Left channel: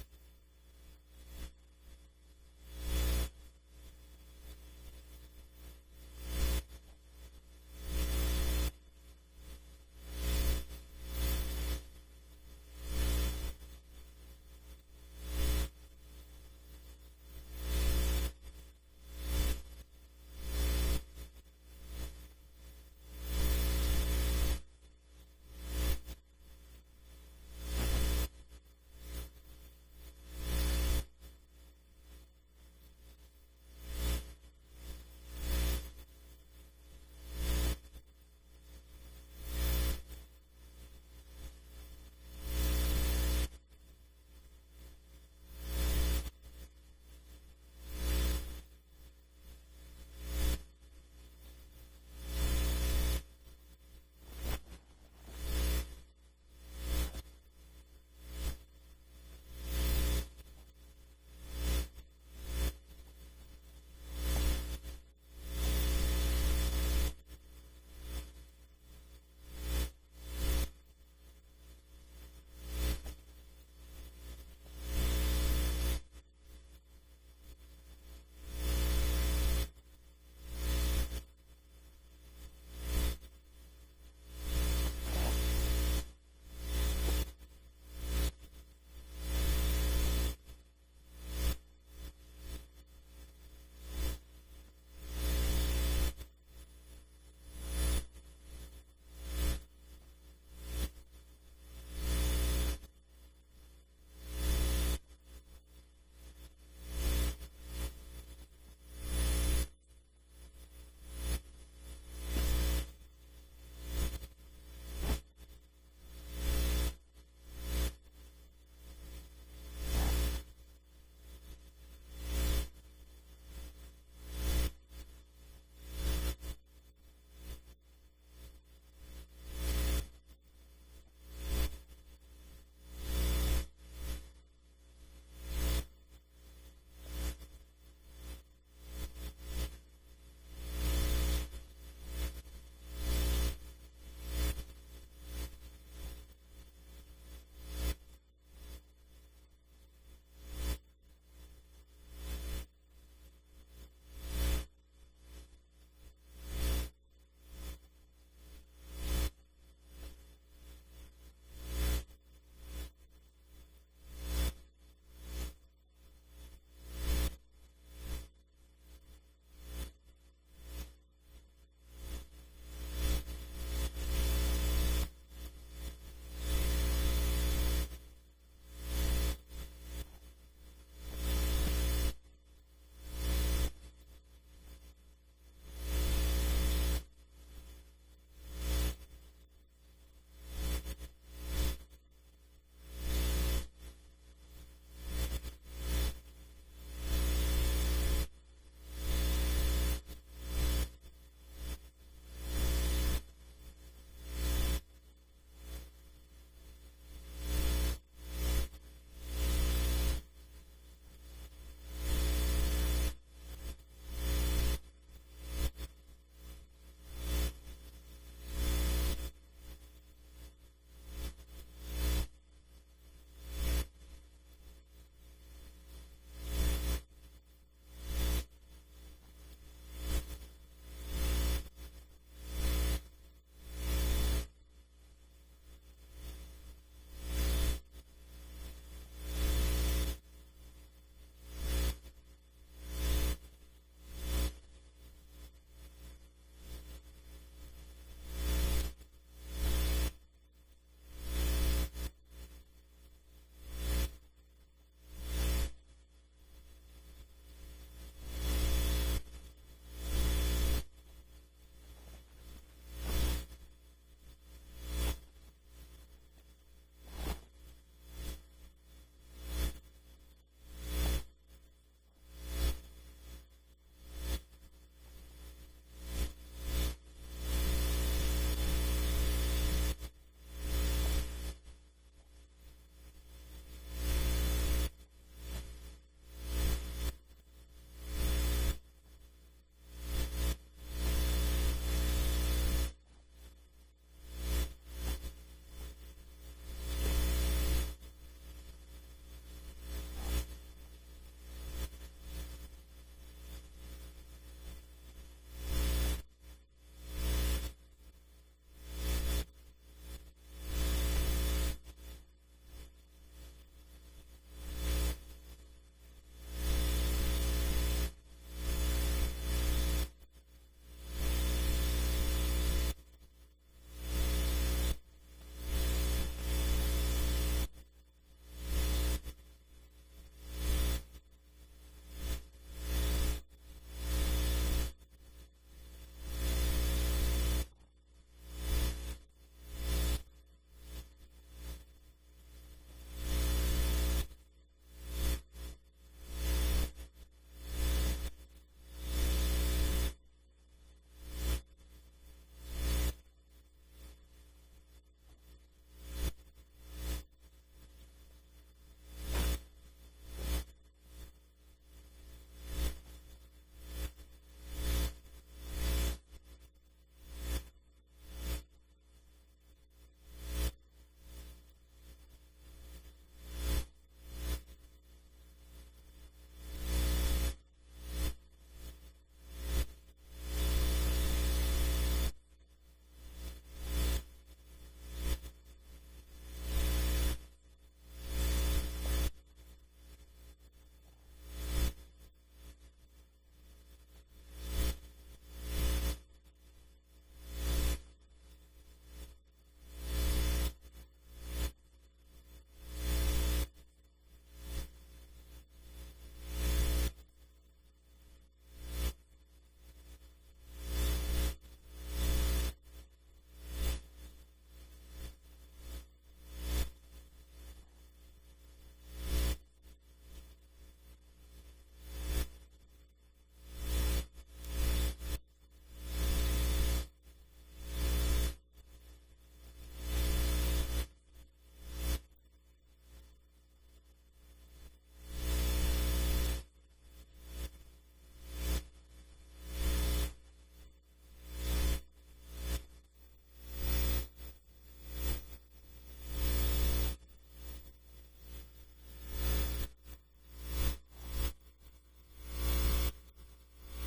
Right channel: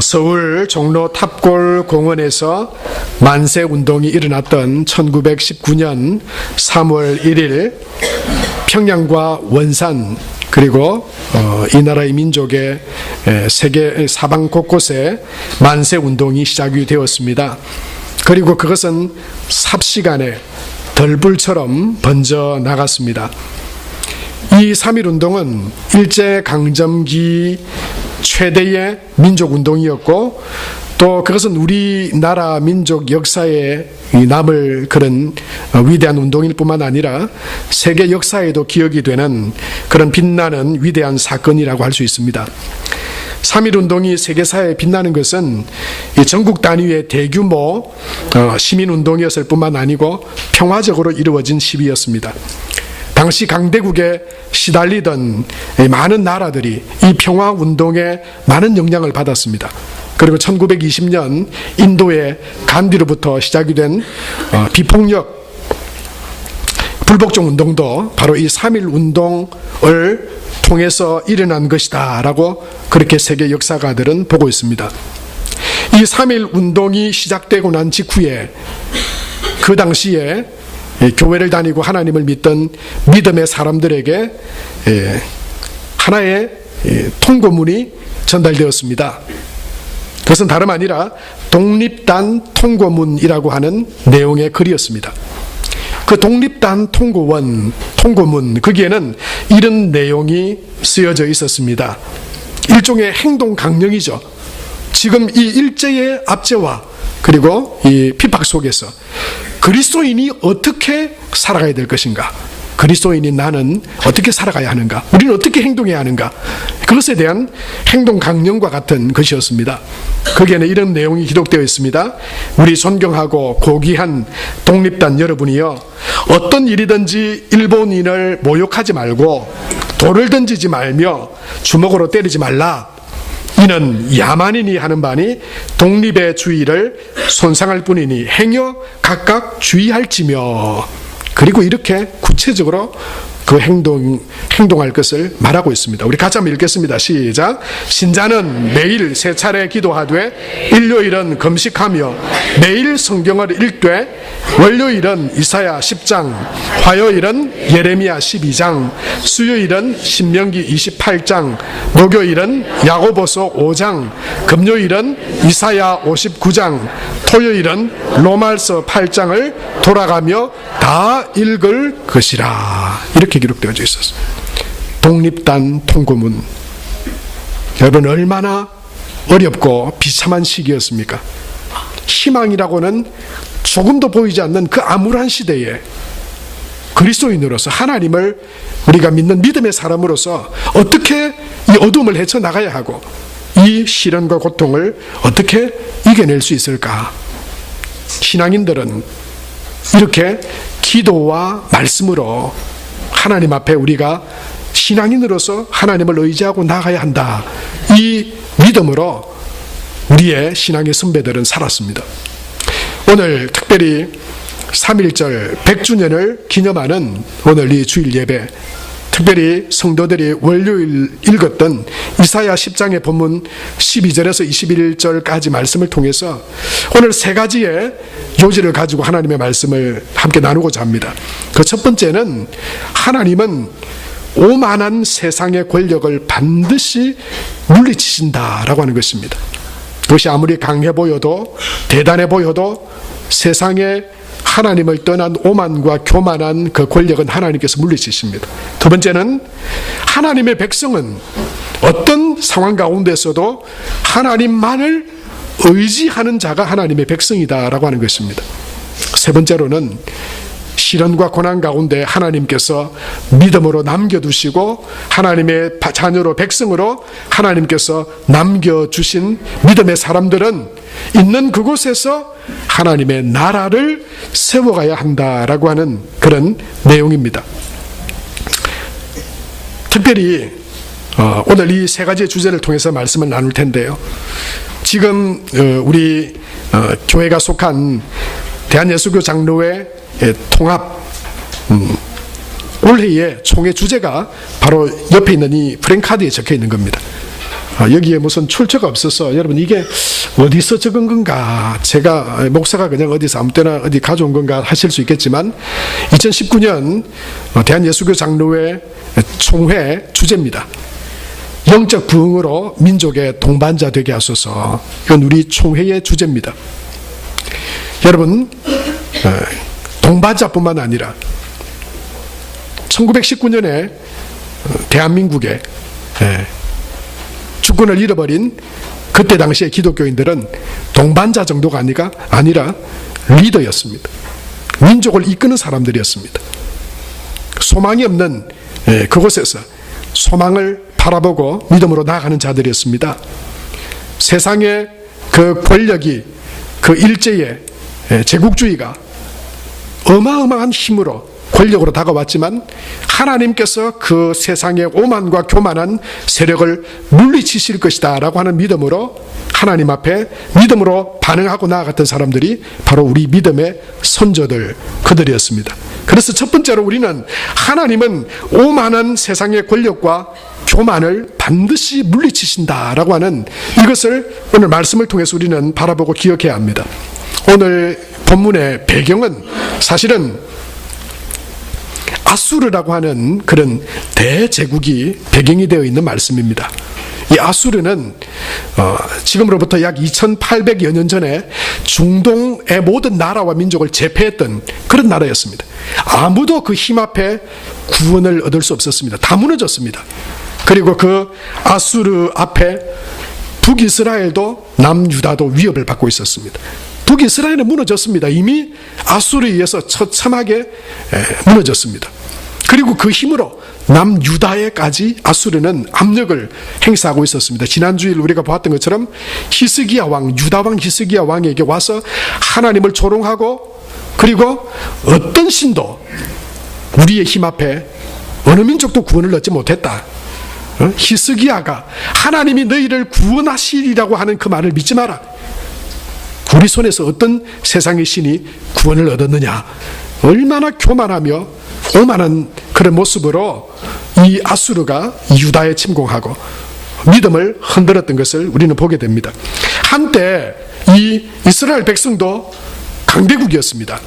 서울 종로 탑골 공원에서 만세 운동이 일어났던 1919년 3월 1일 평양과 원산 그리고 이 나라의 민족의 세계 사방 곳곳에 만세 운동이 시작이 되었습니다. 그리고 그것은 삽시간에 덜불처럼 번져 나갔습니다. 이 3.1 운동은 일제강점기 최대의 민족운동이었고 또 그것은 우리나라 민족 역사에 남을 그런 위대한 운동일 뿐만 아니라 세계 역사에도 기억이 되는 그런 빛나는 위대한 사건이라고 할 수 있습니다. 3.1 운동이 세계사에 빛나는 것은 전국 단위의 대규모 시민운동이었을 뿐만 아니고 평화적으로 이루어진 시위였습니다. 당시 강대국에 시달리던 많은 나라들이 이 평화운동에 많은 영향을 받았습니다. 그리고 1920년 인도의 간디로부터 시작이 된 비폭력 불복종 운동도 바로 이 3.1 운동을 통해서 일어난 것이다 라고 그렇게 세계 역사가들은 보고 있습니다. 이 3.1 운동이 시작되고 난 직후에 그 당시에 교회를 다니고 하나님을 믿던 믿음의 사람들에게 하나의 통고문이 전달되었습니다. 그것은 다름 아니라 독립단 통고문이라고 하는 내용의 글이었습니다. 그 독립단 통고문 거기에는 이런 내용이 쓰여져 있었습니다. 일종의 행동 강령이죠. 지금 이 일제의 압제와 그리고 이 핍박 속에서 그리스도인이 어떻게 살아가야 될 것인가? 그리스도인인 나는 어떻게 살아가야 하는가? 우리는 어떻게 행동해야 하는가? 그것에 대한 행동 강령과 같은 것이었습니다. 거기에는 이런 내용이 기록되어 있습니다. 우리 존경하고 고귀한 독립단 여러분이여, 어떤 일이든지 일본인을 모욕하지 말고 돌을 던지지 말며 주먹으로 때리지 말라. 이는 야만인이 하는 바니 독립의 주의를 손상할 뿐이니 행여 각각 주의할지며. 그리고 이렇게 구체적으로 그 행동할 것을 말하고 있습니다. 우리 같이 한번 읽겠습니다. 시작. 신자는 매일 세 차례 기도하되 일요일은 금식하며 매일 성경을 읽되 월요일은 이사야 10장, 화요일은 예레미야 12장, 수요일은 신명기 28장, 목요일은 야고보서 5장, 금요일은 이사야 59장, 토요일은 로마서 8장을 돌아가며 다 읽을 것이라. 이렇게 기록되어져 있었어요. 독립단 통고문. 여러분, 얼마나 어렵고 비참한 시기였습니까? 희망이라고는 조금도 보이지 않는 그 암울한 시대에 그리스도인으로서 하나님을 우리가 믿는 믿음의 사람으로서 어떻게 이 어둠을 헤쳐나가야 하고 이 시련과 고통을 어떻게 이겨낼 수 있을까? 신앙인들은 이렇게 기도와 말씀으로 하나님 앞에 우리가 신앙인으로서 하나님을 의지하고 나가야 한다. 이 믿음으로 우리의 신앙의 선배들은 살았습니다. 오늘 특별히 3.1절 100주년을 기념하는 오늘 이 주일 예배, 특별히 성도들이 월요일 읽었던 이사야 10장의 본문 12절에서 21절까지 말씀을 통해서 오늘 세 가지의 요지를 가지고 하나님의 말씀을 함께 나누고자 합니다. 그 첫 번째는 하나님은 오만한 세상의 권력을 반드시 물리치신다라고 하는 것입니다. 그것이 아무리 강해 보여도 대단해 보여도 세상에 하나님을 떠난 오만과 교만한 그 권력은 하나님께서 물리치십니다. 두 번째는 하나님의 백성은 어떤 상황 가운데서도 하나님만을 의지하는 자가 하나님의 백성이다라고 하는 것입니다. 세 번째로는 시련과 고난 가운데 하나님께서 믿음으로 남겨두시고 하나님의 자녀로 백성으로 하나님께서 남겨주신 믿음의 사람들은 있는 그곳에서 하나님의 나라를 세워가야 한다라고 하는 그런 내용입니다. 특별히 오늘 이 세 가지의 주제를 통해서 말씀을 나눌 텐데요. 지금 우리 교회가 속한 대한예수교 장로회 통합 올해의 총회 주제가 바로 옆에 있는 이 프랭카드에 적혀 있는 겁니다. 여기에 무슨 출처가 없어서 여러분 이게 어디서 적은 건가, 제가 목사가 그냥 어디서 아무 때나 어디 가져온 건가 하실 수 있겠지만 2019년 대한예수교 장로회 총회 주제입니다. 영적 부흥으로 민족의 동반자 되게 하소서. 이건 우리 총회의 주제입니다. 여러분, 동반자뿐만 아니라 1919년에 대한민국에 주권을 잃어버린 그때 당시의 기독교인들은 동반자 정도가 아니라 리더였습니다. 민족을 이끄는 사람들이었습니다. 소망이 없는 그곳에서 소망을 바라보고 믿음으로 나아가는 자들이었습니다. 세상의 그 권력이, 그 일제의 제국주의가 어마어마한 힘으로 권력으로 다가왔지만 하나님께서 그 세상의 오만과 교만한 세력을 물리치실 것이다 라고 하는 믿음으로 하나님 앞에 믿음으로 반응하고 나아갔던 사람들이 바로 우리 믿음의 선조들, 그들이었습니다. 그래서 첫 번째로 우리는 하나님은 오만한 세상의 권력과 교만을 반드시 물리치신다라고 하는 이것을 오늘 말씀을 통해서 우리는 바라보고 기억해야 합니다. 오늘 본문의 배경은 사실은 아수르라고 하는 그런 대제국이 배경이 되어 있는 말씀입니다. 이 아수르는 지금으로부터 약 2800여 년 전에 중동의 모든 나라와 민족을 제패했던 그런 나라였습니다. 아무도 그 힘 앞에 구원을 얻을 수 없었습니다. 다 무너졌습니다. 그리고 그 아수르 앞에 북이스라엘도 남유다도 위협을 받고 있었습니다. 북이스라엘은 무너졌습니다. 이미 아수르에 의해서 처참하게 무너졌습니다. 그리고 그 힘으로 남유다에까지 아수르는 압력을 행사하고 있었습니다. 지난주일 우리가 보았던 것처럼 히스기야 왕, 유다 왕 히스기야 왕에게 와서 하나님을 조롱하고, 그리고 어떤 신도 우리의 힘 앞에 어느 민족도 구원을 얻지 못했다. 히스기야가 하나님이 너희를 구원하시리라고 하는 그 말을 믿지 마라. 우리 손에서 어떤 세상의 신이 구원을 얻었느냐. 얼마나 교만하며 오만한 그런 모습으로 이 아수르가 유다에 침공하고 믿음을 흔들었던 것을 우리는 보게 됩니다. 한때 이 이스라엘 백성도 강대국이었습니다.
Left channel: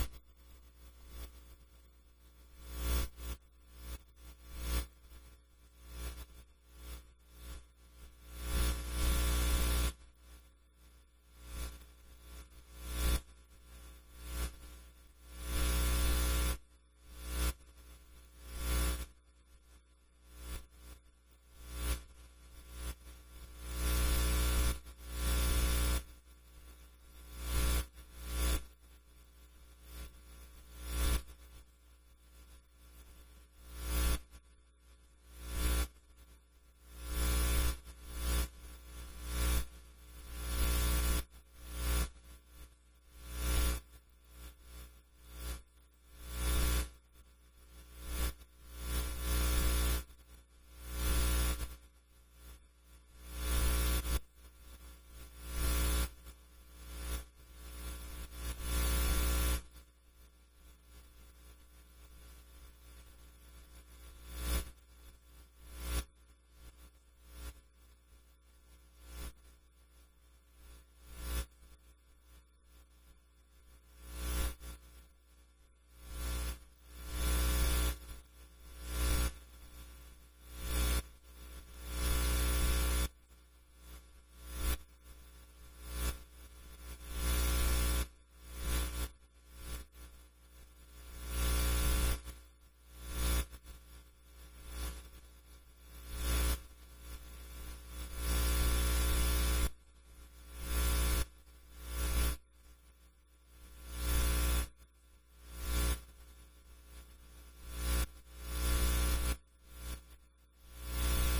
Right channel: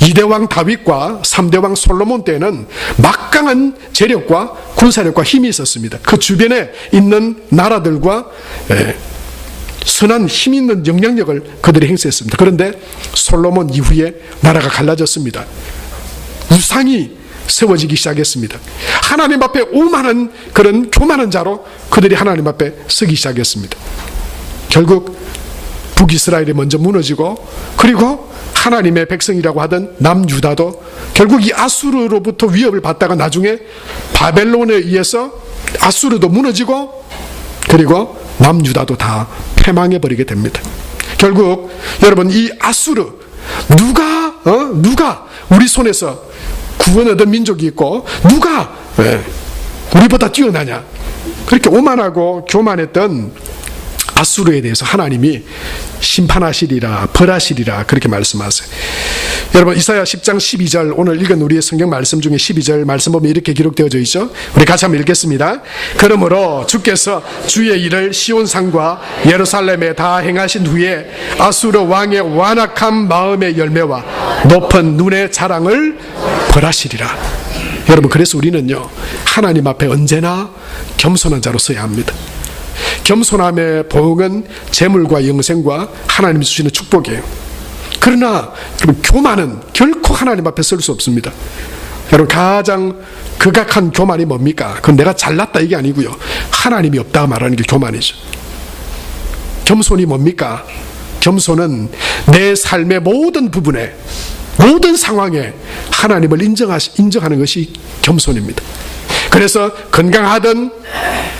2대 왕 다윗과 3대 왕 솔로몬 때는 막강한 재력과 군사력과 힘이 있었습니다. 그 주변에 있는 나라들과 선한 힘 있는 영향력을 그들이 행사했습니다. 그런데 솔로몬 이후에 나라가 갈라졌습니다. 우상이 세워지기 시작했습니다. 하나님 앞에 오만한 그런 교만한 자로 그들이 하나님 앞에 서기 시작했습니다. 결국 북이스라엘이 먼저 무너지고, 그리고 하나님의 백성이라고 하던 남유다도 결국 이 아수르로부터 위협을 받다가 나중에 바벨론에 의해서 아수르도 무너지고, 그리고 남유다도 다 패망해버리게 됩니다. 결국 여러분, 이 아수르, 누가 우리 손에서 구원 얻은 민족이 있고 누가 우리보다 뛰어나냐, 그렇게 오만하고 교만했던 아수르에 대해서 하나님이 심판하시리라, 벌하시리라, 그렇게 말씀하세요. 여러분, 이사야 10장 12절, 오늘 읽은 우리의 성경 말씀 중에 12절 말씀 보면 이렇게 기록되어져 있죠. 우리 같이 한번 읽겠습니다. 그러므로 주께서 주의 일을 시온산과 예루살렘에 다 행하신 후에 아수르 왕의 완악한 마음의 열매와 높은 눈의 자랑을 벌하시리라. 여러분, 그래서 우리는요, 하나님 앞에 언제나 겸손한 자로 서야 합니다. 겸손함의 보응은 재물과 영생과 하나님이 주시는 축복이에요. 그러나 여러분, 교만은 결코 하나님 앞에 설 수 없습니다. 여러분, 가장 극악한 교만이 뭡니까? 그건 내가 잘났다 이게 아니고요, 하나님이 없다 말하는 게 교만이죠. 겸손이 뭡니까? 겸손은 내 삶의 모든 부분에, 모든 상황에 하나님을 인정하는 것이 겸손입니다. 그래서 건강하든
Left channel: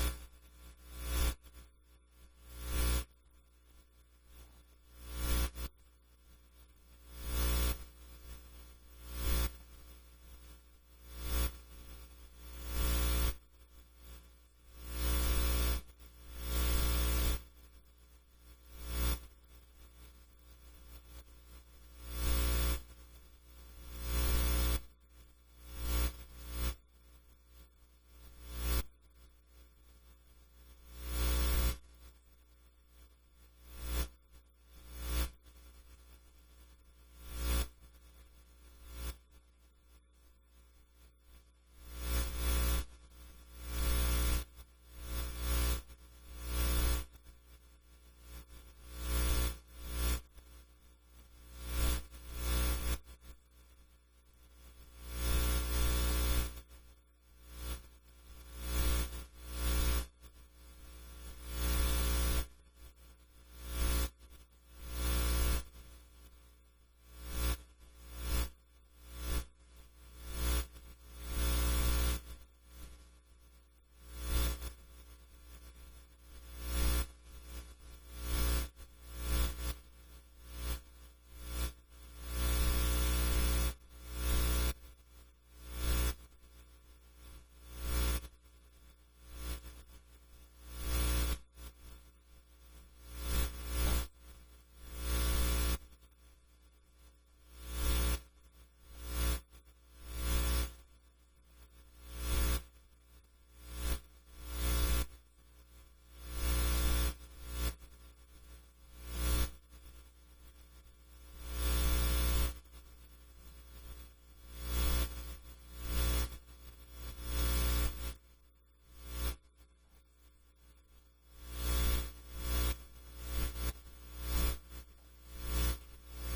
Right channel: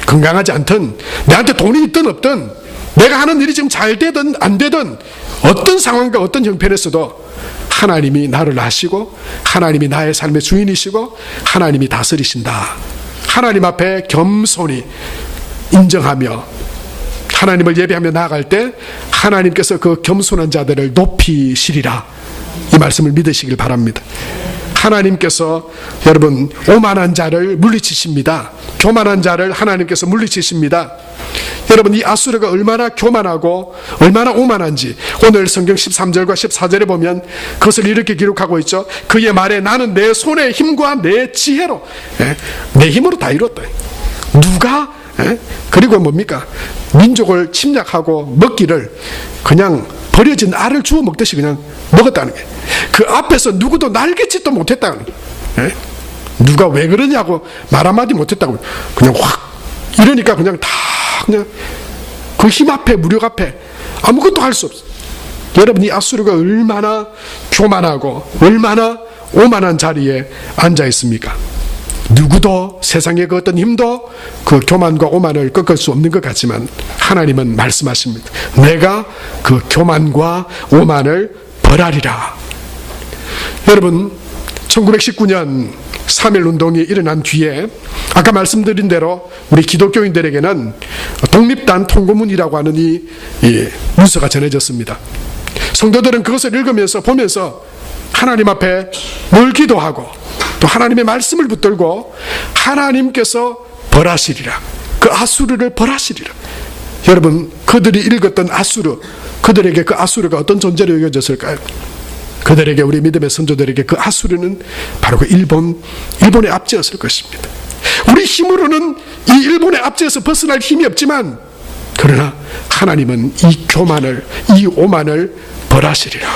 건강하지 않든, 내한테 돈이 있든 없든, 내가 하는 일이 지금 잘 되든 안 되든, 어떤 상황과 어떤 형편에서도 하나님이 나를 아시고 하나님이 나의 삶의 주인이시고 하나님이 다스리신다. 하나님 앞에 겸손히 인정하며 하나님을 예배하며 나아갈 때 하나님께서 그 겸손한 자들을 높이시리라. 이 말씀을 믿으시길 바랍니다. 하나님께서 여러분 오만한 자를 물리치십니다. 교만한 자를 하나님께서 물리치십니다. 여러분 이 아수르가 얼마나 교만하고 얼마나 오만한지 오늘 성경 13절과 14절에 보면 그것을 이렇게 기록하고 있죠. 그의 말에 나는 내 손의 힘과 내 지혜로 내 힘으로 다 이뤘다. 누가 그리고 뭡니까? 민족을 침략하고 먹기를 그냥 버려진 알을 주워 먹듯이 그냥 먹었다는 게, 그 앞에서 누구도 날개짓도 못했다는 게, 누가 왜 그러냐고 말 한마디 못했다고 그냥 확 이러니까 그냥 다 그냥 그 힘 앞에 무력 앞에 아무것도 할 수 없어. 여러분 이 아수르가 얼마나 교만하고 얼마나 오만한 자리에 앉아 있습니까? 누구도 세상의 그 어떤 힘도 그 교만과 오만을 꺾을 수 없는 것 같지만 하나님은 말씀하십니다. 내가 그 교만과 오만을 벌하리라. 여러분 1919년 3.1운동이 일어난 뒤에 아까 말씀드린 대로 우리 기독교인들에게는 독립단 통고문이라고 하는 이 문서가 전해졌습니다. 성도들은 그것을 읽으면서 보면서 하나님 앞에 늘 기도하고 또 하나님의 말씀을 붙들고 하나님께서 벌하시리라, 그 아수르를 벌하시리라. 여러분 그들이 읽었던 아수르, 그들에게 그 아수르가 어떤 존재로 여겨졌을까요? 그들에게, 우리 믿음의 선조들에게 그 아수르는 바로 그 일본의 압제였을 것입니다. 우리 힘으로는 이 일본의 압제에서 벗어날 힘이 없지만 그러나 하나님은 이 교만을, 이 오만을 벌하시리라.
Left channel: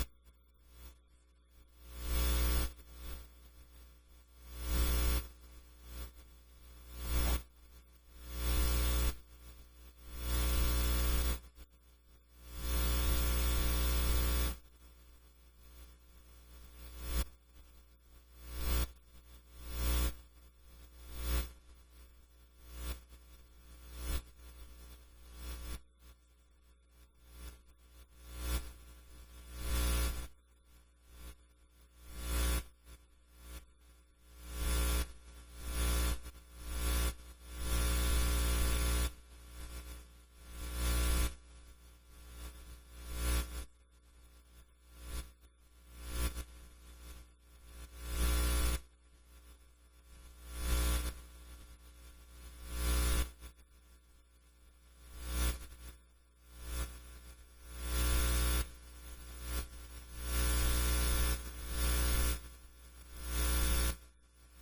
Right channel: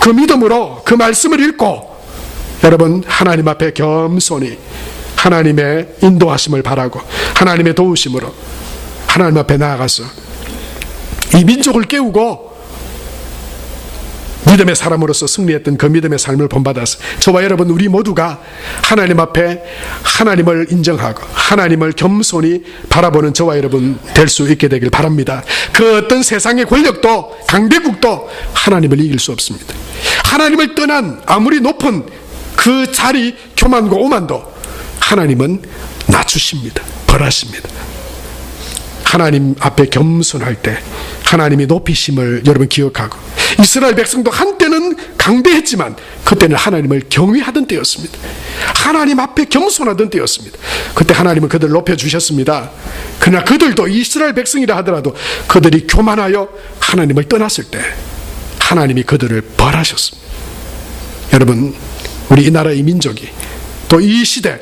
그 믿음으로 그 말씀을 읽고 여러분 하나님 앞에 겸손히 하나님의 인도하심을 바라고 하나님의 도우심으로 하나님 앞에 나아가서 이 민족을 깨우고 믿음의 사람으로서 승리했던 그 믿음의 삶을 본받아서 저와 여러분 우리 모두가 하나님 앞에 하나님을 인정하고 하나님을 겸손히 바라보는 저와 여러분 될 수 있게 되길 바랍니다. 그 어떤 세상의 권력도 강대국도 하나님을 이길 수 없습니다. 하나님을 떠난 아무리 높은 그 자리 교만과 오만도 하나님은 낮추십니다. 벌하십니다. 하나님 앞에 겸손할 때 하나님이 높이심을 여러분 기억하고, 이스라엘 백성도 한때는 강대했지만 그때는 하나님을 경외하던 때였습니다. 하나님 앞에 겸손하던 때였습니다. 그때 하나님은 그들을 높여주셨습니다. 그러나 그들도 이스라엘 백성이라 하더라도 그들이 교만하여 하나님을 떠났을 때 하나님이 그들을 벌하셨습니다. 여러분 우리 이 나라의 민족이 또 이 시대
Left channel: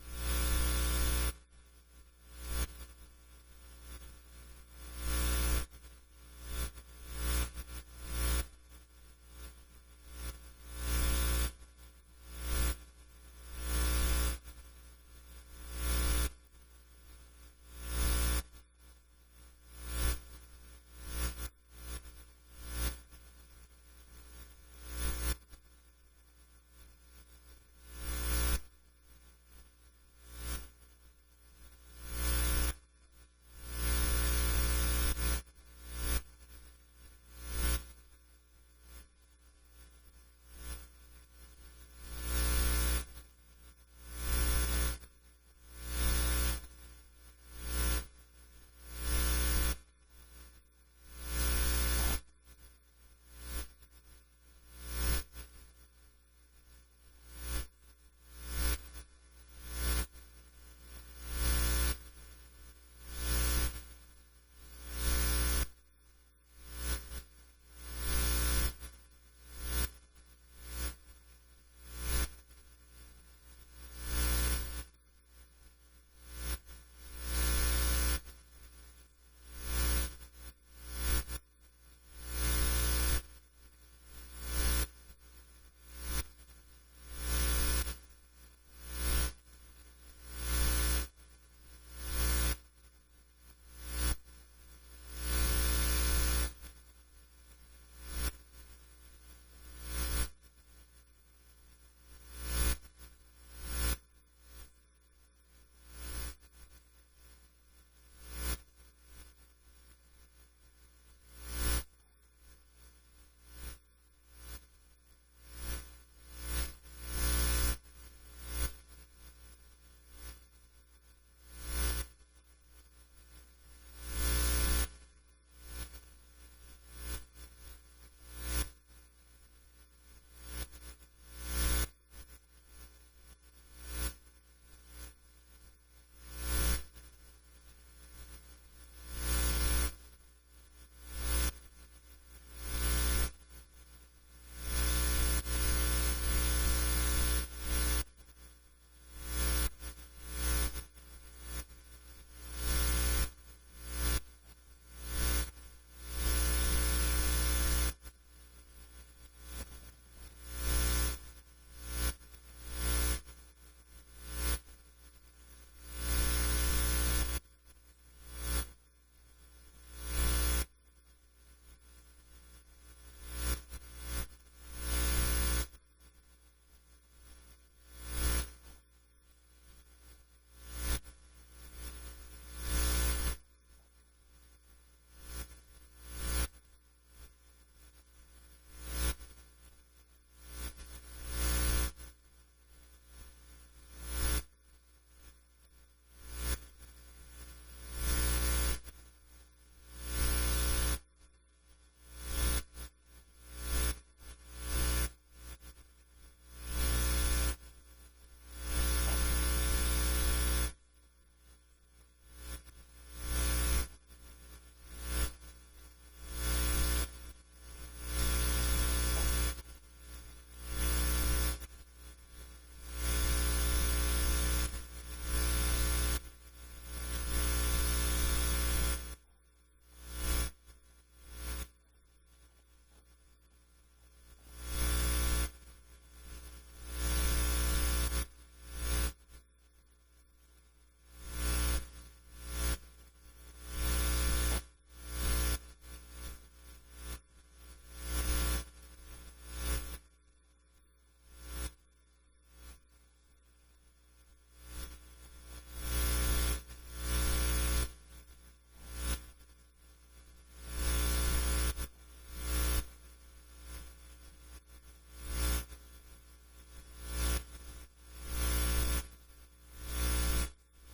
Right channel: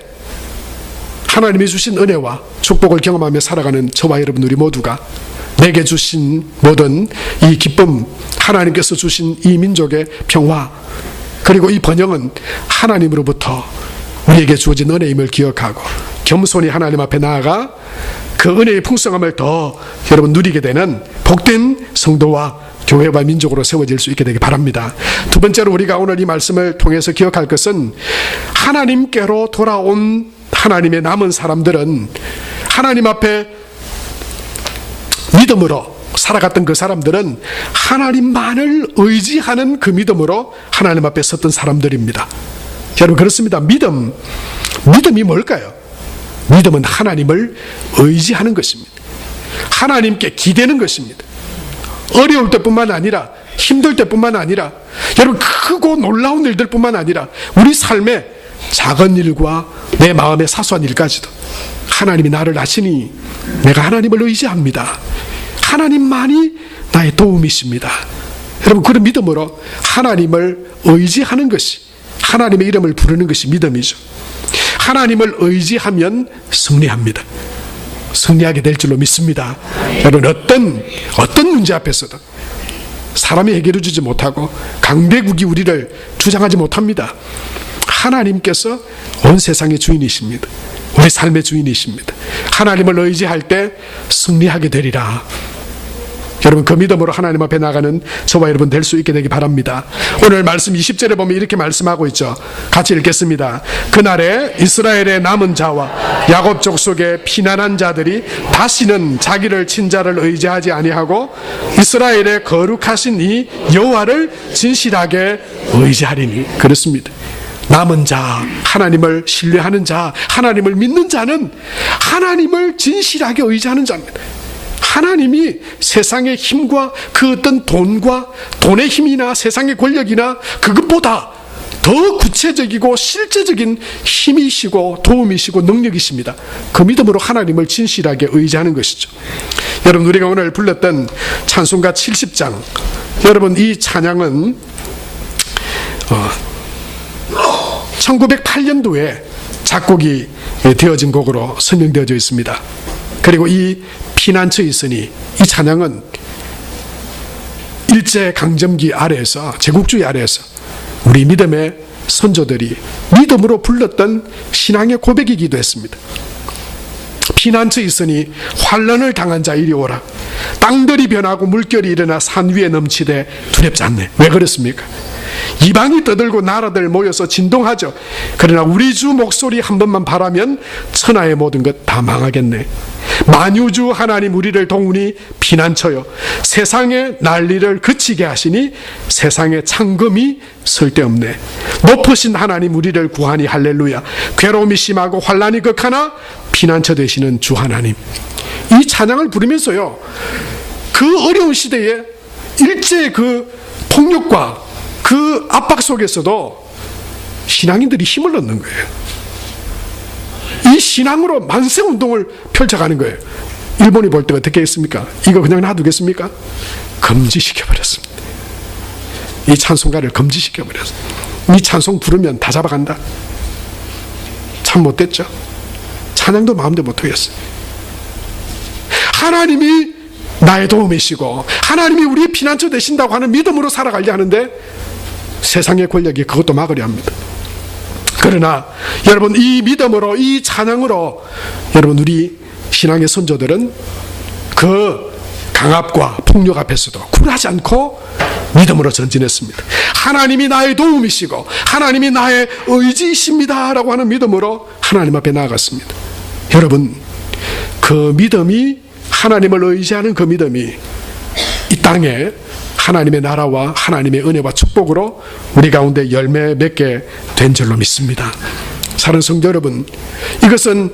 하나님이 주신 은혜와 축복을 경험하며 살아가는 저와 여러분 우리 모두가 내게 주신 모든 이 기쁨, 하나님께서 주신 이 민족의 평화, 그리고 이 번영은 하나님으로부터 우리에게 주어진 은혜임을 기억하고 겸손히 하나님 앞에 나아가 그 은혜의 풍성함을 더 여러분 누리게 되는 복된 성도와 교회와 민족으로 세워질 수 있게 되길 바랍니다. 두 번째로 우리가 오늘 이 말씀을 통해서 기억할 것은, 하나님께로 돌아온 하나님의 남은 사람들은 하나님 앞에 믿음으로 살아갔던 그 사람들은 하나님만을 의지하는 그 믿음으로 하나님 앞에 섰던 사람들입니다. 여러분 그렇습니다. 믿음이 뭘까요? 믿음은 하나님을 의지하는 것입니다. 하나님께 기대는 것입니다. 어려울 때뿐만 아니라 힘들 때뿐만 아니라 여러분 크고 놀라운 일들 뿐만 아니라 우리 삶의 작은 일과 내 마음의 사소한 일까지도 하나님이 나를 아시니 내가 하나님을 의지합니다. 하나님만이 나의 도움이십니다. 여러분 그런 믿음으로 하나님을 의지하는 것이, 하나님의 이름을 부르는 것이 믿음이죠. 하나님을 의지하면 승리합니다. 승리하게 될 줄로 믿습니다. 여러분 어떤 문제 앞에서도 사람이 해결해 주지 못하고 강대국이 우리를 주장하지 못합니다. 하나님께서 온 세상의 주인이십니다. 우리 삶의 주인이십니다. 하나님을 의지할 때 승리하게 되리라. 여러분 그 믿음으로 하나님 앞에 나가는 저와 여러분 될 수 있게 되기 바랍니다. 오늘 말씀 20절에 보면 이렇게 말씀하고 있죠. 같이 읽겠습니다. 그날에 이스라엘의 남은 자와 야곱 족속의 피난한 자들이 다시는 자기를 친자를 의지하지 아니하고 이스라엘의 거룩하신 이 여호와를 진실하게 의지하리니. 그렇습니다. 남은 자, 하나님을 신뢰하는 자, 하나님을 믿는 자는 하나님을 진실하게 의지하는 자입니다. 하나님이 세상의 힘과 그 어떤 돈과 돈의 힘이나 세상의 권력이나 그것보다 더 구체적이고 실제적인 힘이시고 도움이시고 능력이십니다. 그 믿음으로 하나님을 진실하게 의지하는 것이죠. 여러분, 우리가 오늘 불렀던 찬송가 70장, 여러분 이 찬양은 1908년도에 작곡이 되어진 곡으로 선명되어져 있습니다. 그리고 이 피난처에 있으니 이 찬양은 일제강점기 아래에서, 제국주의 아래에서 우리 믿음의 선조들이 믿음으로 불렀던 신앙의 고백이기도 했습니다. 피난처에 있으니 환난을 당한 자 이리 오라. 땅들이 변하고 물결이 일어나 산 위에 넘치되 두렵지 않네. 왜 그렇습니까? 이방이 떠들고 나라들 모여서 진동하죠. 그러나 우리 주 목소리 한 번만 바라면 천하의 모든 것 다 망하겠네. 만유주 하나님 우리를 동훈이 피난처요, 세상의 난리를 그치게 하시니 세상에 창금이 쓸데없네. 높으신 하나님 우리를 구하니 할렐루야. 괴로움이 심하고 환난이 극하나 피난처 되시는 주 하나님. 이 찬양을 부르면서요, 그 어려운 시대에 일제의 그 폭력과 그 압박 속에서도 신앙인들이 힘을 얻는 거예요. 이 신앙으로 만세운동을 펼쳐가는 거예요. 일본이 볼 때 어떻게 했습니까? 이거 그냥 놔두겠습니까? 금지시켜버렸습니다. 이 찬송가를 금지시켜버렸습니다. 이 찬송 부르면 다 잡아간다. 참 못됐죠? 찬양도 마음대로 못하겠어요. 하나님이 나의 도움이시고 하나님이 우리의 피난처 되신다고 하는 믿음으로 살아가려 하는데 세상의 권력이 그것도 막으려 합니다. 그러나 여러분, 이 믿음으로, 이 찬양으로 여러분 우리 신앙의 선조들은 그 강압과 폭력 앞에서도 굴하지 않고 믿음으로 전진했습니다. 하나님이 나의 도움이시고 하나님이 나의 의지이십니다 라고 하는 믿음으로 하나님 앞에 나아갔습니다. 여러분, 그 믿음이, 하나님을 의지하는 그 믿음이 이 땅에 하나님의 나라와 하나님의 은혜와 축복으로 우리 가운데 열매 맺게 된 줄로 믿습니다. 사랑하는 성도 여러분, 이것은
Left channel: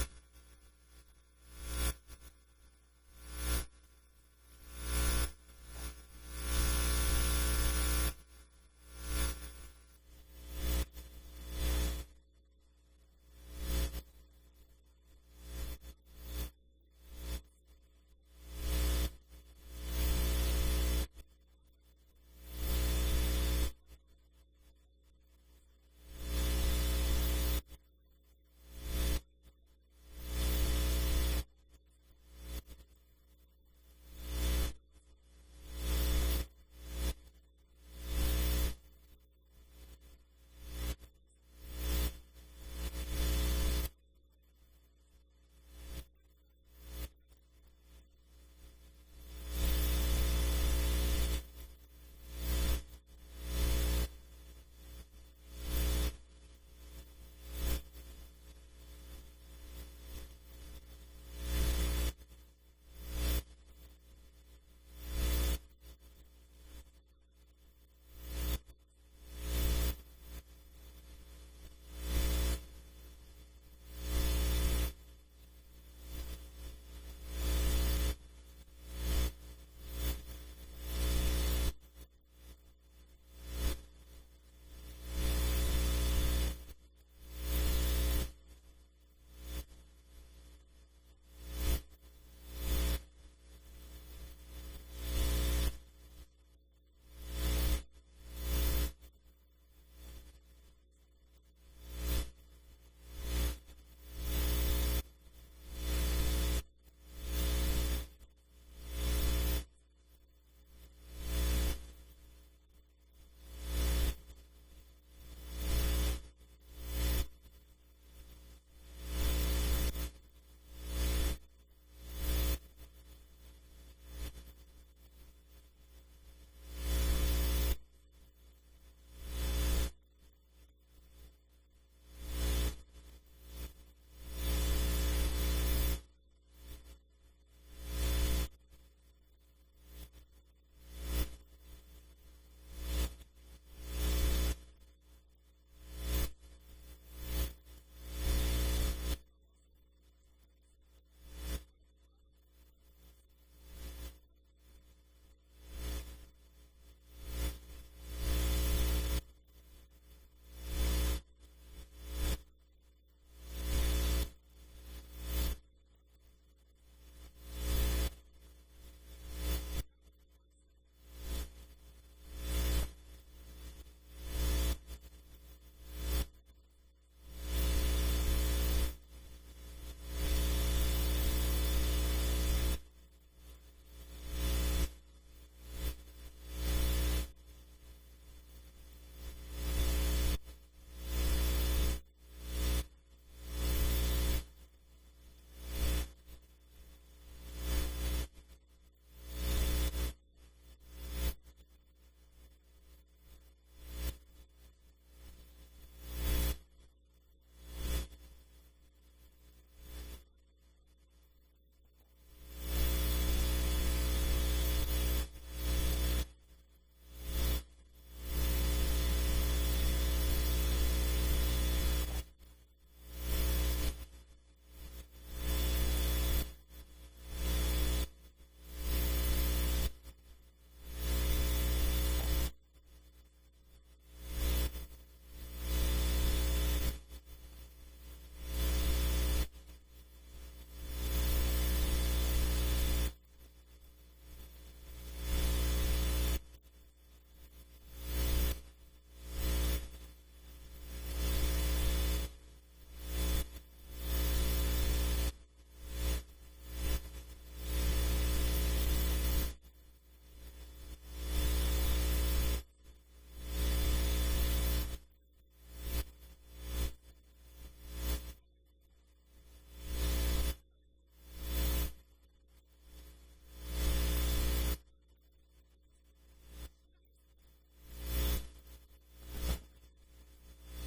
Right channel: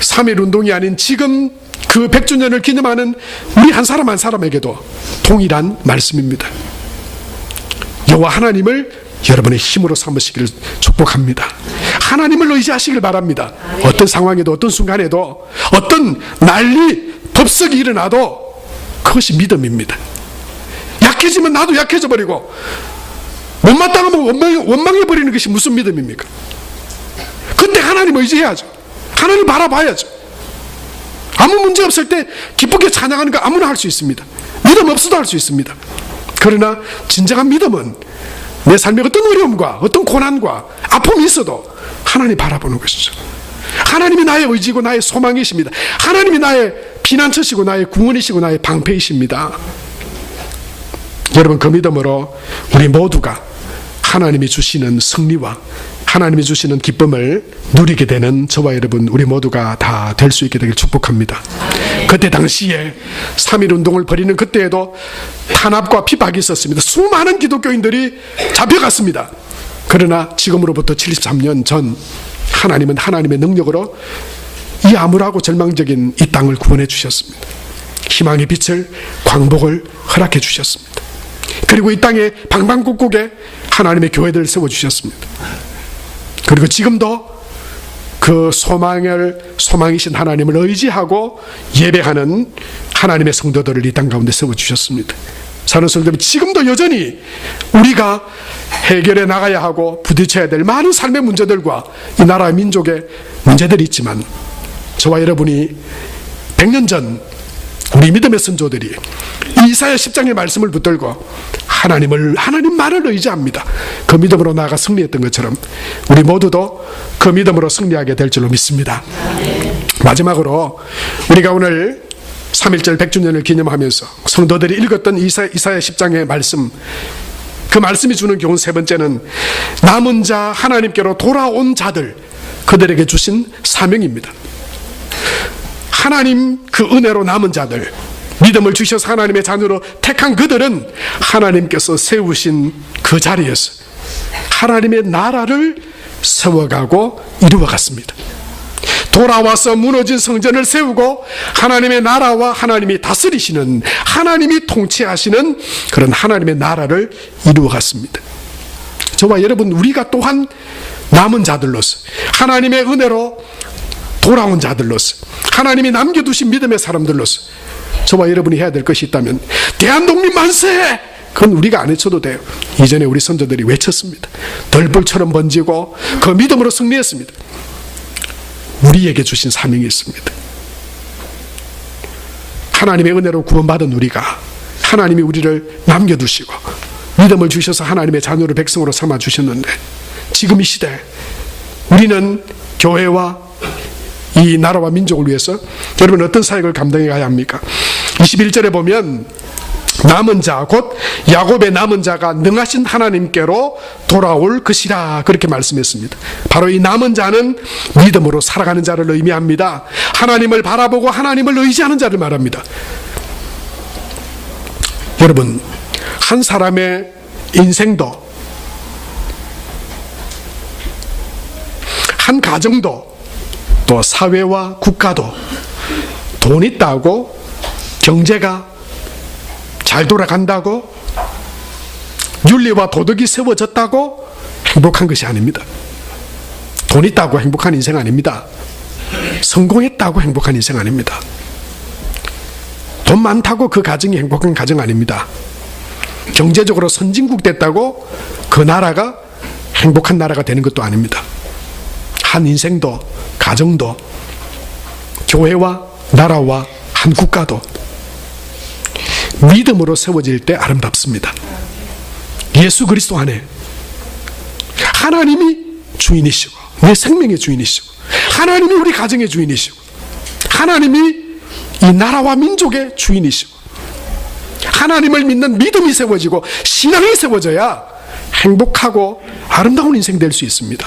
3.1 운동이 아닌 지금 그 100주년을 기념하는 우리 한 사람 한 사람에게도 동일한 말씀입니다. 여호와 하나님을 여러분의 힘으로 삼으시기를 축복합니다. 하나님을 의지하시길 바랍니다. 어떤 상황에도, 어떤 순간에도, 어떤 난리, 법석이 일어나도 그것이 믿음입니다. 약해지면 나도 약해져 버리고 못마땅하면 원망해버리는 것이 무슨 믿음입니까? 그때 하나님 의지해야죠. 하나님 바라봐야죠. 아무 문제 없을 때 기쁘게 찬양하는 거 아무나 할 수 있습니다. 믿음 없어도 할 수 있습니다. 그러나 진정한 믿음은 내 삶에 어떤 어려움과 어떤 고난과 아픔이 있어도 하나님 바라보는 것이죠. 하나님이 나의 의지고 나의 소망이십니다. 하나님이 나의 피난처시고 나의 구원이시고 나의 방패이십니다. 여러분, 그 믿음으로 우리 모두가 하나님이 주시는 승리와 하나님이 주시는 기쁨을 누리게 되는 저와 여러분, 우리 모두가 다 될 수 있게 되길 축복합니다. 그때 당시에 3.1 운동을 벌이는 그때에도 탄압과 핍박이 있었습니다. 수많은 기독교인들이 잡혀갔습니다. 그러나 지금으로부터 73년 전 하나님은 하나님의 능력으로 이 암울하고 절망적인 이 땅을 구원해 주셨습니다. 희망의 빛을, 광복을 허락해 주셨습니다. 그리고 이 땅에 방방곡곡에 하나님의 교회들을 세워주셨습니다. 그리고 지금도 그 소망이신 하나님을 의지하고 예배하는 하나님의 성도들을 이 땅 가운데 세워주셨습니다. 사는 성도들, 지금도 여전히 우리가 해결해 나가야 하고 부딪혀야 될 많은 삶의 문제들과 이 나라 민족의 문제들이 있지만, 저와 여러분이 100년 전 우리 믿음의 선조들이 이사야 10장의 말씀을 붙들고 하나님만을 의지합니다. 그 믿음으로 나아가 승리했던 것처럼 우리 모두도 그 믿음으로 승리하게 될 줄로 믿습니다. 마지막으로 우리가 오늘 3.1절 100주년을 기념하면서 성도들이 읽었던 이사야 10장의 말씀, 그 말씀이 주는 교훈 세 번째는 남은 자, 하나님께로 돌아온 자들, 그들에게 주신 사명입니다. 하나님 그 은혜로 남은 자들, 믿음을 주셔서 하나님의 자녀로 택한 그들은 하나님께서 세우신 그 자리에서 하나님의 나라를 세워가고 이루어갔습니다. 돌아와서 무너진 성전을 세우고 하나님의 나라와 하나님이 다스리시는, 하나님이 통치하시는 그런 하나님의 나라를 이루어갔습니다. 저와 여러분, 우리가 또한 남은 자들로서, 하나님의 은혜로 돌아온 자들로서, 하나님이 남겨두신 믿음의 사람들로서 저와 여러분이 해야 될 것이 있다면, 대한독립 만세! 그건 우리가 안 외쳐도 돼요. 이전에 우리 선조들이 외쳤습니다. 덜불처럼 번지고 그 믿음으로 승리했습니다. 우리에게 주신 사명이 있습니다. 하나님의 은혜로 구원받은 우리가, 하나님이 우리를 남겨두시고 믿음을 주셔서 하나님의 자녀를 백성으로 삼아 주셨는데, 지금 이 시대 우리는 교회와 이 나라와 민족을 위해서 여러분 어떤 사역을 감당해 가야 합니까? 21절에 보면 남은 자, 곧 야곱의 남은 자가 능하신 하나님께로 돌아올 것이라, 그렇게 말씀했습니다. 바로 이 남은 자는 믿음으로 살아가는 자를 의미합니다. 하나님을 바라보고 하나님을 의지하는 자를 말합니다. 여러분, 한 사람의 인생도, 한 가정도, 또 사회와 국가도 돈 있다고, 경제가 잘 돌아간다고, 윤리와 도덕이 세워졌다고 행복한 것이 아닙니다. 돈 있다고 행복한 인생 아닙니다. 성공했다고 행복한 인생 아닙니다. 돈 많다고 그 가정이 행복한 가정 아닙니다. 경제적으로 선진국 됐다고 그 나라가 행복한 나라가 되는 것도 아닙니다. 한 인생도, 가정도, 교회와 나라와 한 국가도 믿음으로 세워질 때 아름답습니다. 예수 그리스도 안에 하나님이 주인이시고, 내 생명의 주인이시고, 하나님이 우리 가정의 주인이시고, 하나님이 이 나라와 민족의 주인이시고, 하나님을 믿는 믿음이 세워지고 신앙이 세워져야 행복하고 아름다운 인생 될 수 있습니다.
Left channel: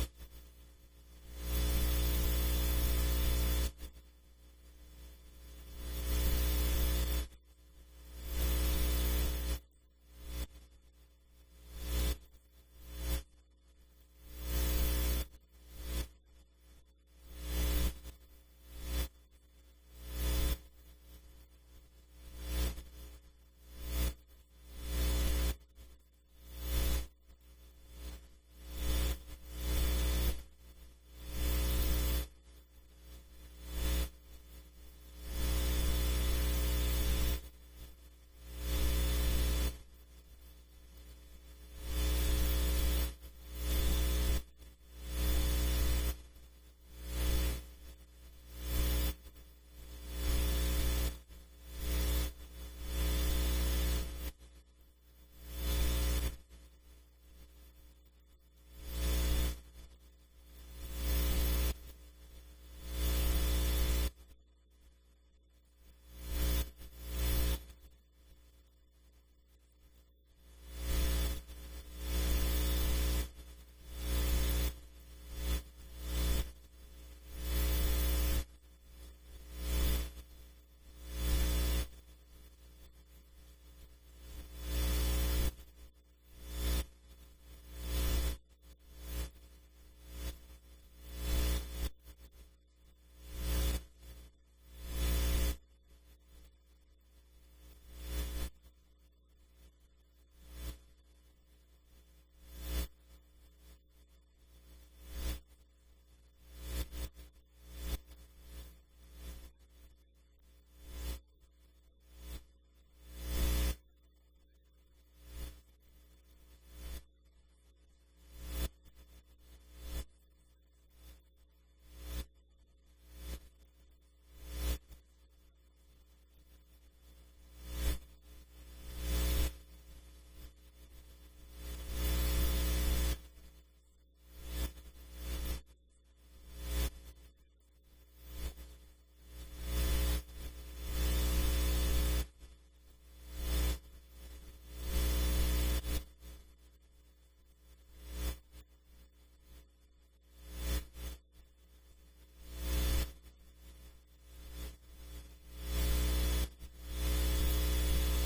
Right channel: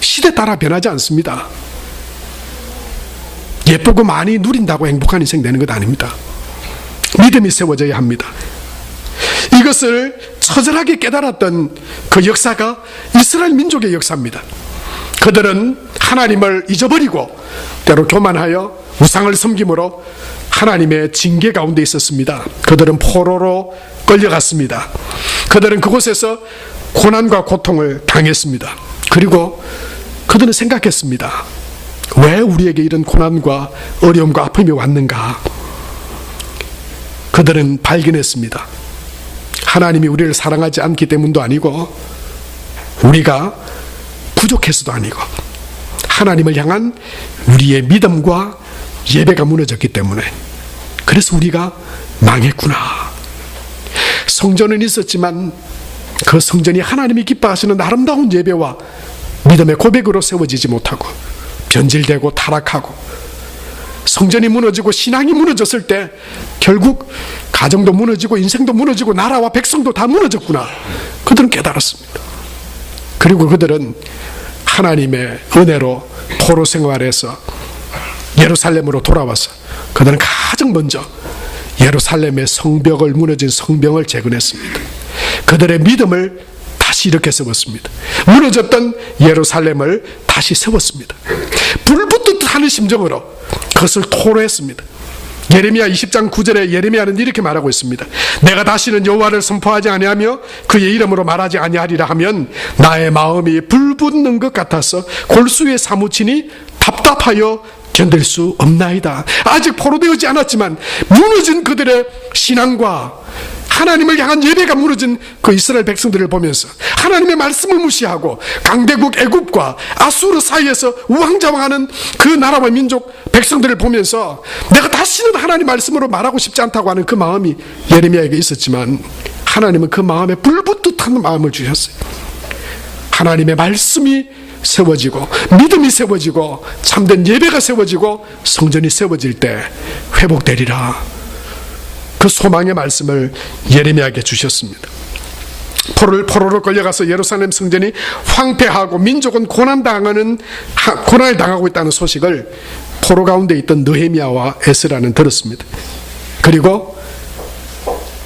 시대 따라 변하지 않습니다. 예쁘고 많이 누린다고 행복한 인생 되는 것 아닙니다. 믿음이 세워져야 합니다. 이것을 처절하게 깨달았던 그 역사가 이스라엘 민족의 역사입니다. 그들은 하나님을 잊어버리고 때로 교만하여 우상을 섬김으로 하나님의 징계 가운데 있었습니다. 그들은 포로로 끌려갔습니다. 그들은 그곳에서 고난과 고통을 당했습니다. 그리고 그들은 생각했습니다. 왜 우리에게 이런 고난과 어려움과 아픔이 왔는가? 그들은 발견했습니다. 하나님이 우리를 사랑하지 않기 때문도 아니고, 우리가 부족해서도 아니고, 하나님을 향한 우리의 믿음과 예배가 무너졌기 때문에, 그래서 우리가 망했구나. 성전은 있었지만 그 성전이 하나님이 기뻐하시는 아름다운 예배와 믿음의 고백으로 세워지지 못하고 변질되고 타락하고, 성전이 무너지고 신앙이 무너졌을 때 결국 가정도 무너지고 인생도 무너지고 나라와 백성도 다 무너졌구나. 그들은 깨달았습니다. 그리고 그들은 하나님의 은혜로 포로 생활에서 예루살렘으로 돌아와서 그들은 가장 먼저 예루살렘의 성벽을, 무너진 성벽을 재건했습니다. 그들의 믿음을 다시 일으켜 세웠습니다. 무너졌던 예루살렘을 다시 세웠습니다. 불붙듯 하는 심정으로 그것을 토로했습니다. 예레미야 20장 9절에 예레미야는 이렇게 말하고 있습니다. 내가 다시는 여호와를 선포하지 아니하며 그의 이름으로 말하지 아니하리라 하면 나의 마음이 불붙는 것 같아서 골수에 사무치니 답답하여 견딜 수 없나이다. 아직 포로되지 않았지만 무너진 그들의 신앙과 하나님을 향한 예배가 무너진 그 이스라엘 백성들을 보면서 하나님의 말씀을 무시하고 강대국 애굽과 아수르 사이에서 우왕좌왕하는 그 나라와 민족 백성들을 보면서 내가 다시는 하나님 말씀으로 말하고 싶지 않다고 하는 그 마음이 예레미야에게 있었지만, 하나님은 그 마음에 불붙듯한 마음을 주셨어요. 하나님의 말씀이 세워지고 믿음이 세워지고 참된 예배가 세워지고 성전이 세워질 때 회복되리라. 그 소망의 말씀을 예레미야에게 주셨습니다. 포로로 끌려가서 예루살렘 성전이 황폐하고 민족은 고난을 당하고 있다는 소식을 포로 가운데 있던 느헤미야와 에스라는 들었습니다. 그리고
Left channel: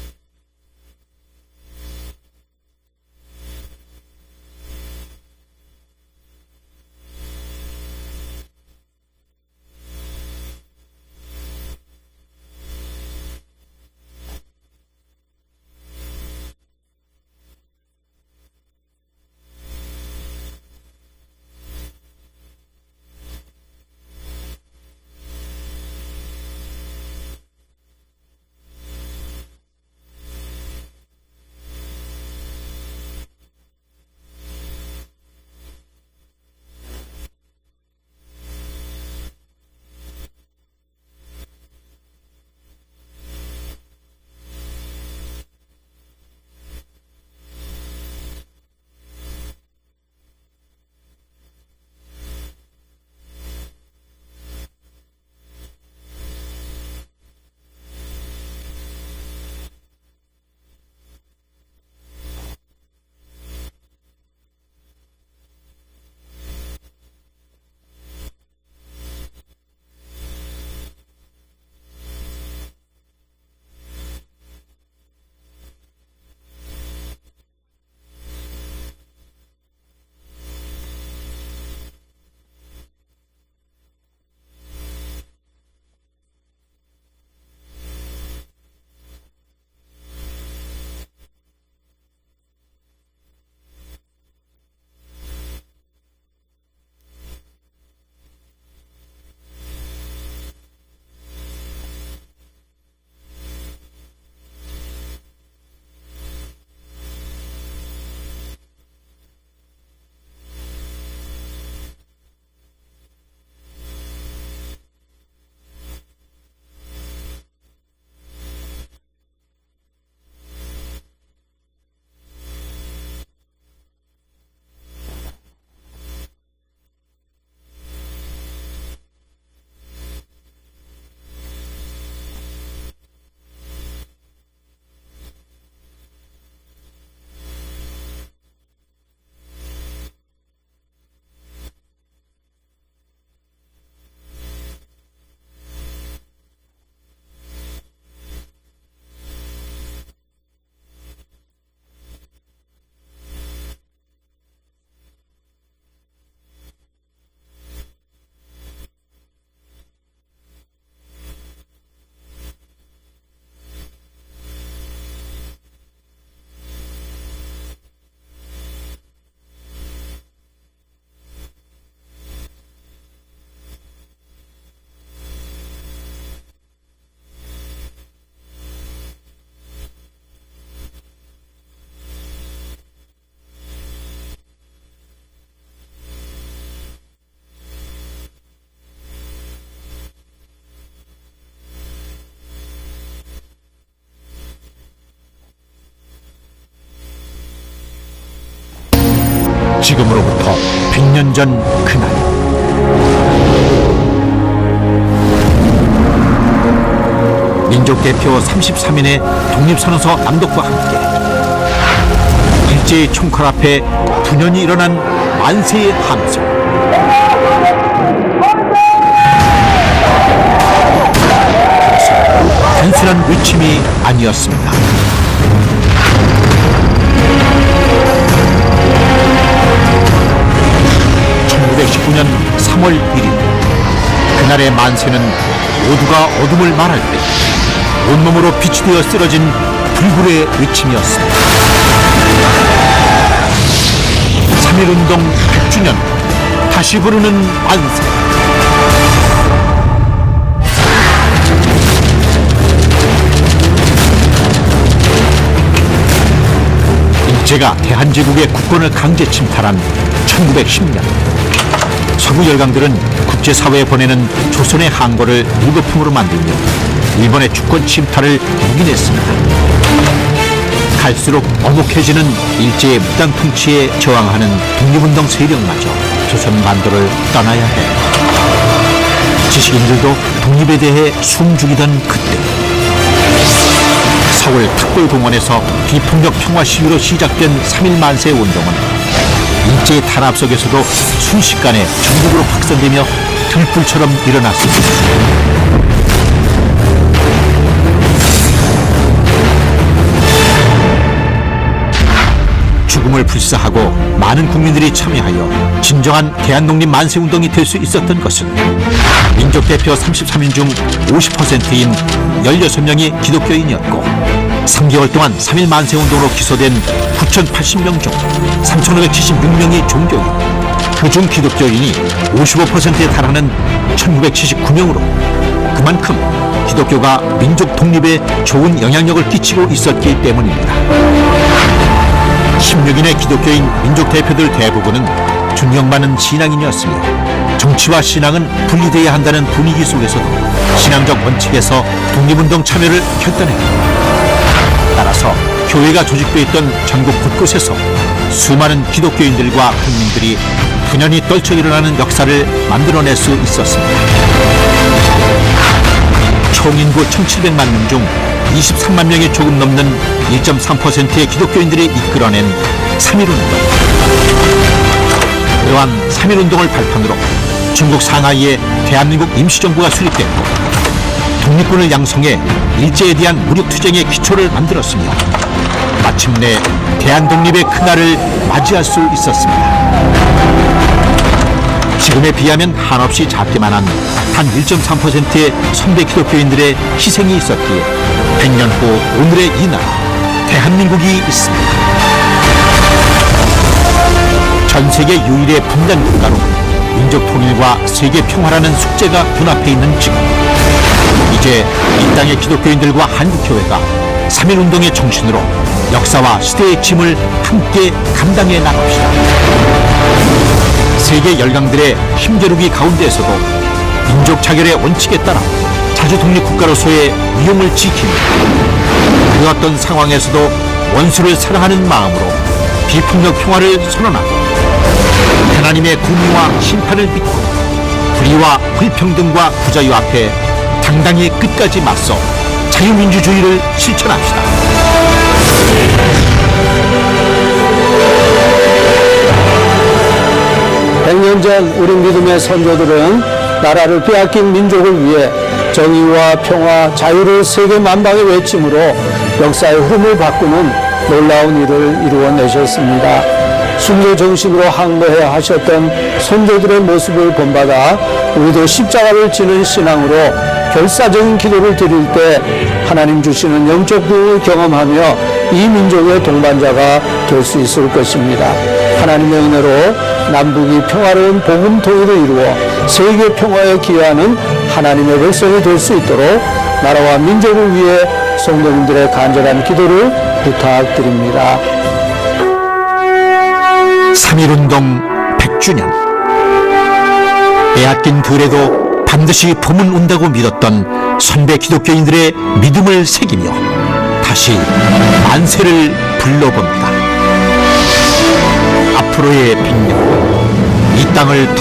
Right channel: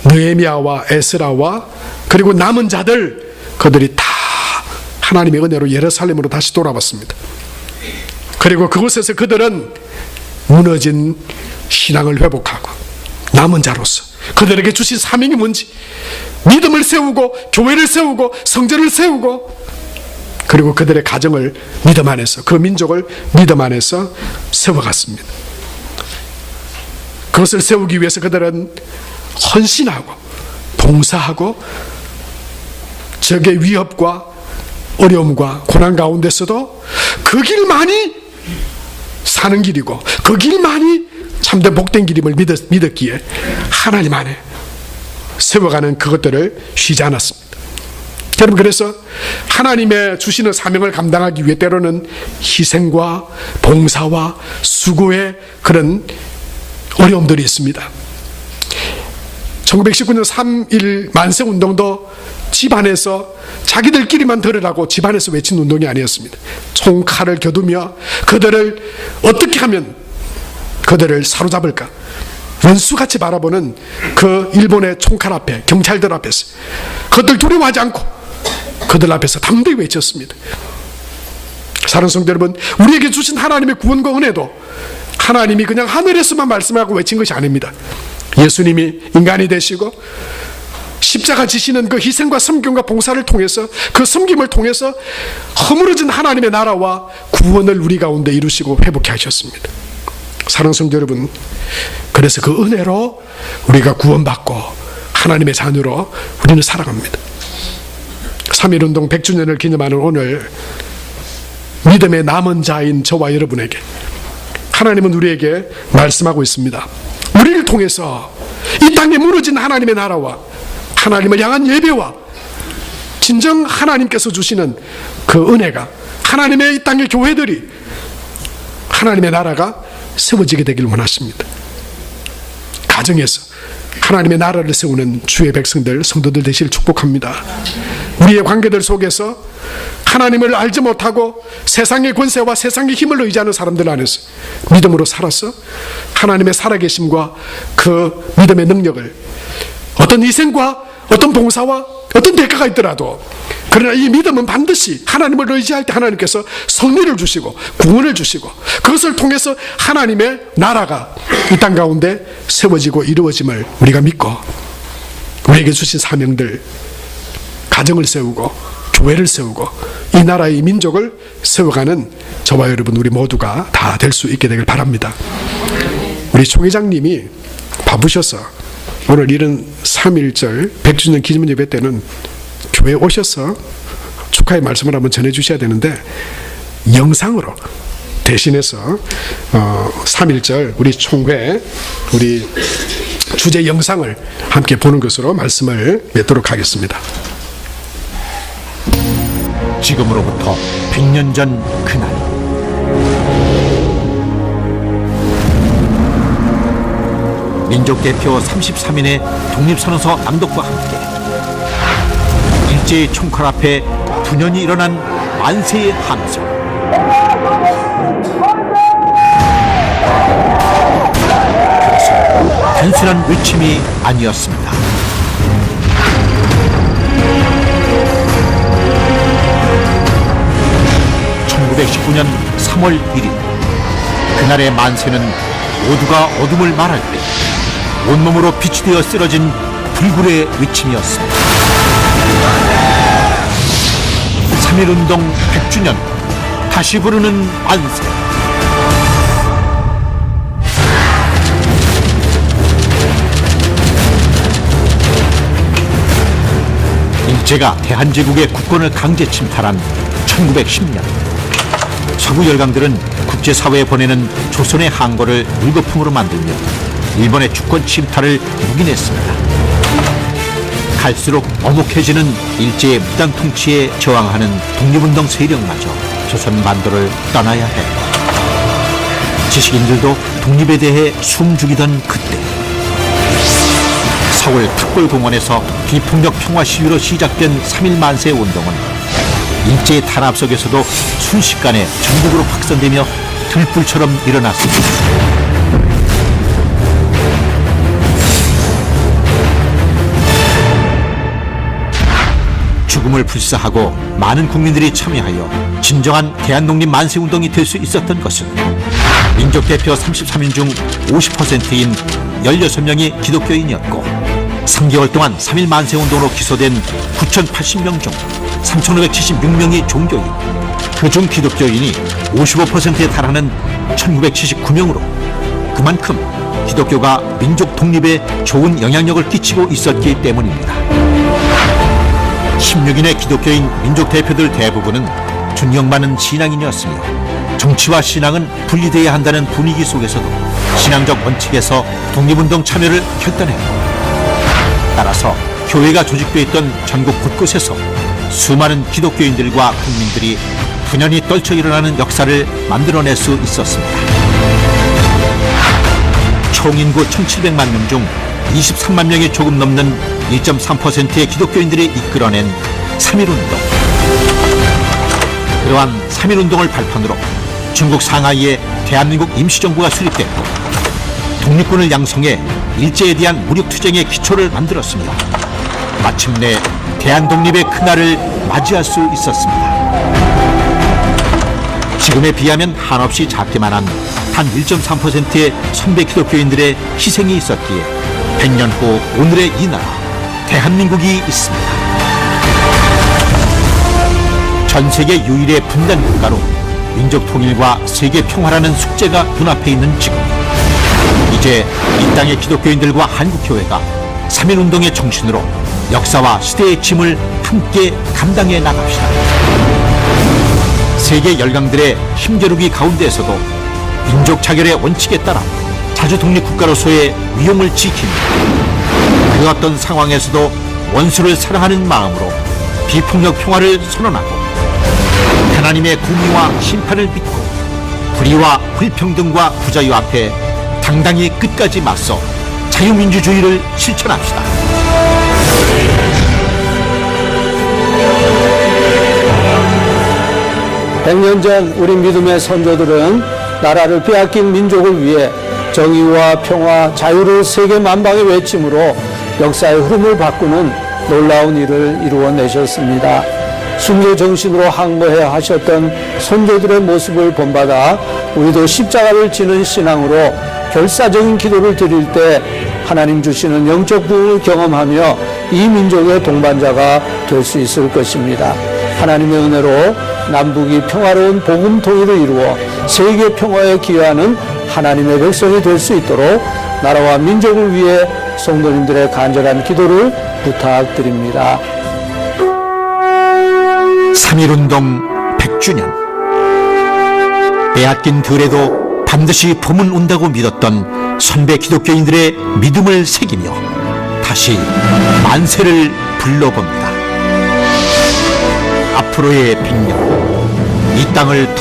느헤미야와 에스라와 그리고 남은 자들, 그들이 다 하나님의 은혜로 예루살렘으로 다시 돌아왔습니다. 그리고 그곳에서 그들은 무너진 신앙을 회복하고 남은 자로서 그들에게 주신 사명이 뭔지, 믿음을 세우고 교회를 세우고 성전을 세우고, 그리고 그들의 가정을 믿음 안에서, 그 민족을 믿음 안에서 세워갔습니다. 그것을 세우기 위해서 그들은 헌신하고 봉사하고 적의 위협과 어려움과 고난 가운데서도 그 길만이 사는 길이고 그 길만이 참된 복된 길임을 믿었기에 하나님 안에 세워가는 그것들을 쉬지 않았습니다. 여러분, 그래서 하나님의 주시는 사명을 감당하기 위해 때로는 희생과 봉사와 수고의 그런 어려움들이 있습니다. 1919년 3.1 만세운동도 집안에서 자기들끼리만 들으라고 집안에서 외친 운동이 아니었습니다. 총칼을 겨두며 그들을 어떻게 하면 그들을 사로잡을까, 원수같이 바라보는 그 일본의 총칼 앞에, 경찰들 앞에서 그들 두려워하지 않고 그들 앞에서 담대히 외쳤습니다. 사랑하는 성도 여러분, 우리에게 주신 하나님의 구원과 은혜도 하나님이 그냥 하늘에서만 말씀하고 외친 것이 아닙니다. 예수님이 인간이 되시고 십자가 지시는 그 희생과 섬김과 봉사를 통해서, 그 섬김을 통해서 허물어진 하나님의 나라와 구원을 우리 가운데 이루시고 회복해 하셨습니다. 사랑하는 성도 여러분, 그래서 그 은혜로 우리가 구원받고 하나님의 자녀로 우리는 살아갑니다. 3.1운동 100주년을 기념하는 오늘, 믿음의 남은 자인 저와 여러분에게 하나님은 우리에게 말씀하고 있습니다. 우리를 통해서 이 땅에 무너진 하나님의 나라와 하나님을 향한 예배와 진정 하나님께서 주시는 그 은혜가, 하나님의 이 땅의 교회들이, 하나님의 나라가 세워지게 되기를 원하십니다. 가정에서 하나님의 나라를 세우는 주의 백성들, 성도들 되시길 축복합니다. 우리의 관계들 속에서 하나님을 알지 못하고 세상의 권세와 세상의 힘을 의지하는 사람들 안에서 믿음으로 살아서 하나님의 살아계심과 그 믿음의 능력을, 어떤 희생과 어떤 봉사와 어떤 대가가 있더라도, 그러나 이 믿음은 반드시 하나님을 의지할 때 하나님께서 승리를 주시고 구원을 주시고 그것을 통해서 하나님의 나라가 이 땅 가운데 세워지고 이루어짐을 우리가 믿고, 우리에게 주신 사명들, 가정을 세우고 교회를 세우고 이 나라의 민족을 세워가는 저와 여러분, 우리 모두가 다 될 수 있게 되길 바랍니다. 우리 총회장님이 바쁘셔서 오늘 이른 3.1절 100주년 기념 예배 때는 교회에 오셔서 축하의 말씀을 한번 전해 주셔야 되는데, 영상으로 대신해서 3.1절 우리 총회, 우리 주제 영상을 함께 보는 것으로 말씀을 맺도록 하겠습니다. 중심으로 항거를 하셨던 성도들의 모습을 본다가 모두 십자가를 지는 신앙으로 결사된 기도를 드릴 때 하나님 주시는 왼쪽 부를 경험하며 이 민족의 동반자가 될 수 있을 것입니다. 하나님의 은혜로 남북이 평화로운 복음 통일을 위해 사회 평화와 기왕을 하나님의 회사가 될 수 있도록 나라와 민족을 위해 성도님들의 간절한 기도를 부탁드립니다. 믿음을 새기며 다시 한사람을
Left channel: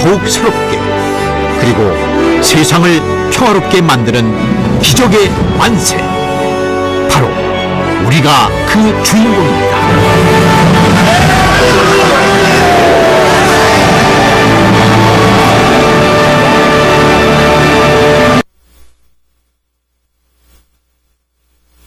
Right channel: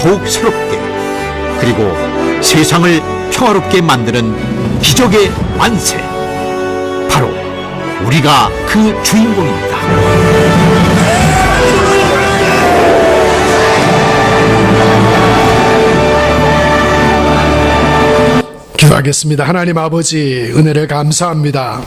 더욱 새롭게 그리고 세상을 평화롭게 만드는 기적의 완성. 기도하겠습니다. 하나님 아버지, 은혜를 감사합니다.